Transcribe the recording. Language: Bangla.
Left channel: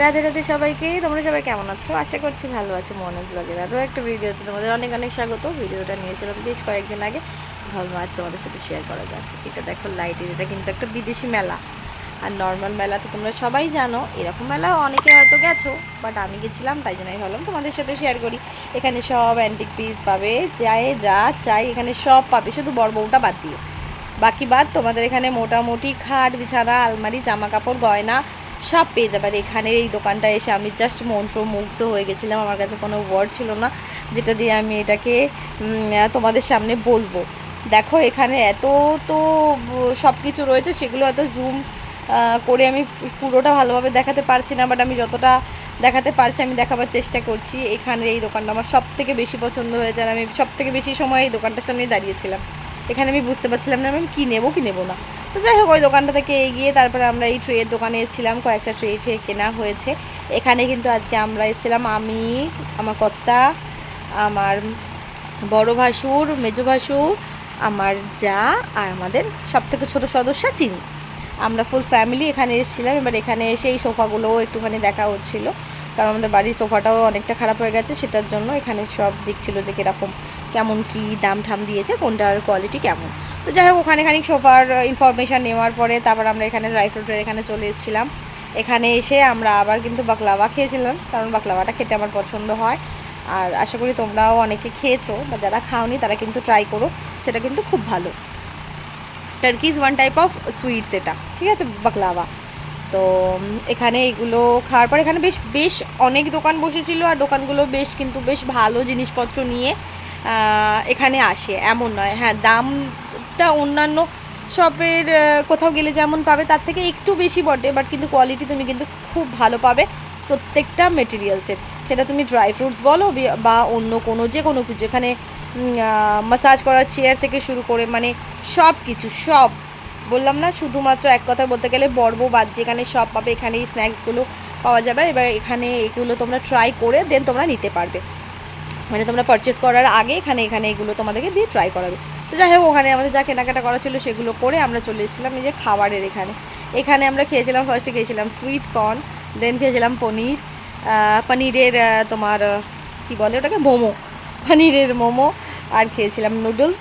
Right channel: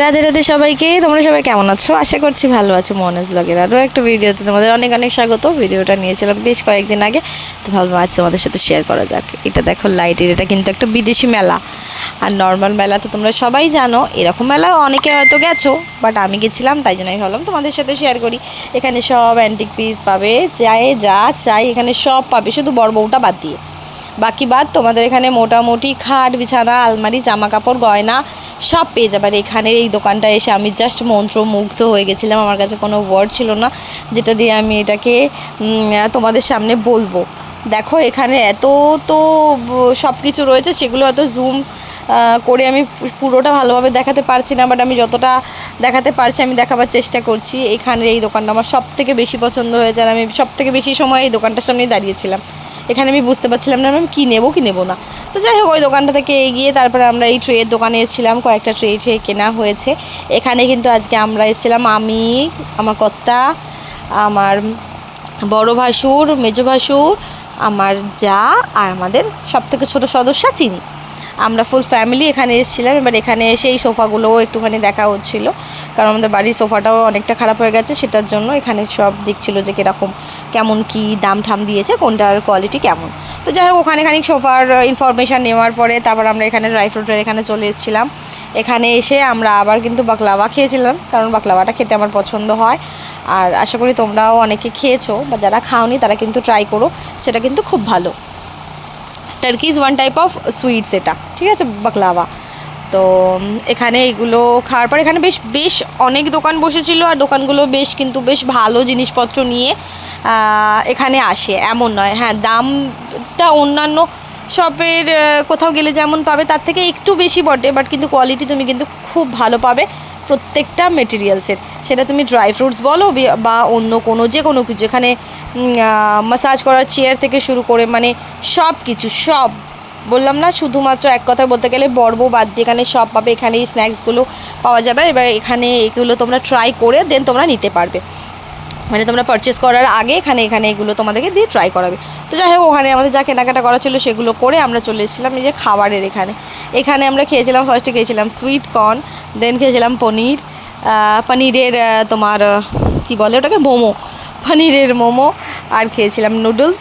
রাধে রাধে সবাইকে। তোমরা সবাই কেমন আছো? আশা করছি ভালো আছো। মনোজ ব্লগের আরও একটা ভিডিওতে তোমাদের অনেক অনেক স্বাগত। ভিডিওটা নিয়েছিলাম বেশ কয়েকদিন আগে, তো ভাবলাম আজ তোমাদের সাথে শেয়ার করা যাক। এটা দেখো লাইটের, এটা কিন্তু একটা বিদেশি মেলা। আর নর্মাল মেলা তো তোমরা সবাই জানো, এরকম মেলা অনেকে হয়তো গেছো, বাট আমি গেছিলাম, তাই জন্য আমি ভাবলাম তোমাদের সাথে শেয়ার করি। এখানে সব অ্যান্টিক পিস পাবে, চাই যা চাই এখানে সব পাবে, শুধু বড় বউটা বাদ দিয়ে। বাকি বাদ তোমাদের এখানে মোটামুটি খাট বিছানা আলমারি জামা কাপড় গয়না সব পেয়ে যাবে। আর এখানে এই দোকানটা এসে আমি জাস্ট মন্ত্রমুগ্ধ হয়ে গেছিলাম। আমার কাছে কোনো ওয়ার্ড ছিল না যেটা দিয়ে আমি এটাকে তোমাদের সামনে বলবো। দেখো এখানে এত তো সব কিছু রয়েছে, সেগুলো হয়তো জুম করে আমি পুরোটা ভালোভাবে দেখাতে পারছি না, বাট আমি যতটা দেখাতে পারছি আমি দেখাবার চেষ্টা করছি। এখানের এই দোকানটা আমার সব থেকে বেশি পছন্দ হয়েছে, আর আমি সব থেকে বেশি সময় এই দোকানটার সামনেই দাঁড়িয়েছিলাম। এখানে আমি বুঝতে পারছিলাম না আমি কী নেবো কি নেবো না। তো যাই হোক, ওই দোকানটা থেকে এগিয়ে তারপরে আমরা এই ট্রেয়ের দোকানে এসেছিলাম, কয়েকটা ট্রে কেনা হয়েছে। এখানে কিন্তু আজকে আমরা এসেছিলাম, আমি, আমার কর্তা, আমার বড় ভাসুর, মেজো ভাসুর, আমার যা, আর আমাদের সবথেকে ছোটো সদস্যা চিনি। আমরা ফুল ফ্যামিলি এখানে এসেছিলাম। এবার এখানে এসে এই সোফাগুলোও একটুখানি দেখা হচ্ছিলো, কারণ আমাদের বাড়ির সোফাটাও অনেকটা খারাপ হয়ে গেছে, সেটার জন্য এখানে সব দেখছিলো যে কীরকম কেমন কী দাম ঠাম দিয়েছে, কোনটার কোয়ালিটি কেমন। তো যাই হোক, ওখানে খানিক সোফার ইনফরমেশান নেওয়ার পরে তারপর আমরা এখানে ড্রাই ফ্রুটের এখানে চলে এসেছিলাম। এখানে এসে আমরা আবার কিন্তু বাকলাওয়া খেয়েছিলাম, কারণ বাকলাওয়াটা খেতে আমার পছন্দ হয়। আর আশা করি তোমরাও অনেকে খেয়েছো, বা যারা খাওনি তারা কিন্তু ট্রাই করো, সেটা কিন্তু খুব ভালো। টার্কিজ ওয়ান টাইপ অফ সুইটস এটা, ঠিক আছে, বাকলাওয়া। তো এখানে এগুলো খাওয়ার পর এখানে বেশ বেশ অনেক দোকান বসেছিল, আর দোকানগুলো বেশ ভালো জিনিসপত্র নিয়ে এখানে আসে, এমন নয়। হ্যাঁ, দামটা অন্যান্য শপের কোথাও গেলে যেমন পাবে তার থেকে একটু বেশি বটে, বাট কিন্তু কোয়ালিটি তুমি কিন্তু খুব ভালো পাবে প্রত্যেকটা মেটেরিয়ালসের। সেটা তুমি ড্রাই ফ্রুটস বলো বা অন্য কোনো যে কোনো কিছু। এখানে ম্যাসাজ করার চেয়ার থেকে শুরু করে মানে সব কিছু, সব বললাম না, শুধুমাত্র এক কথায় বলতে গেলে বড় বউ বাদ দিয়ে এখানে সব পাবে। এখানে এই স্ন্যাক্সগুলো পাওয়া যাবে। এবার এখানে এগুলো তোমরা ট্রাই করে দেন তোমরা নিতে পারবে, মানে তোমরা পারচেস করার আগে এখানে এগুলো তোমাদেরকে দিয়ে ট্রাই করাবে। তো যাই হোক, ওখানে আমাদের যা কেনাকাটা করা ছিল সেগুলো করে আমরা চলে এসেছিলাম এই যে খাবারের এখানে আমরা খেয়েছিলাম। ফার্স্টে খেয়েছিলাম সুইট কর্ন, দেন খেয়েছিলাম পনিরের তোমার কী বলে ওটাকে, মোমো, পনিরের মোমো, আর খেয়েছিলাম নুডলস।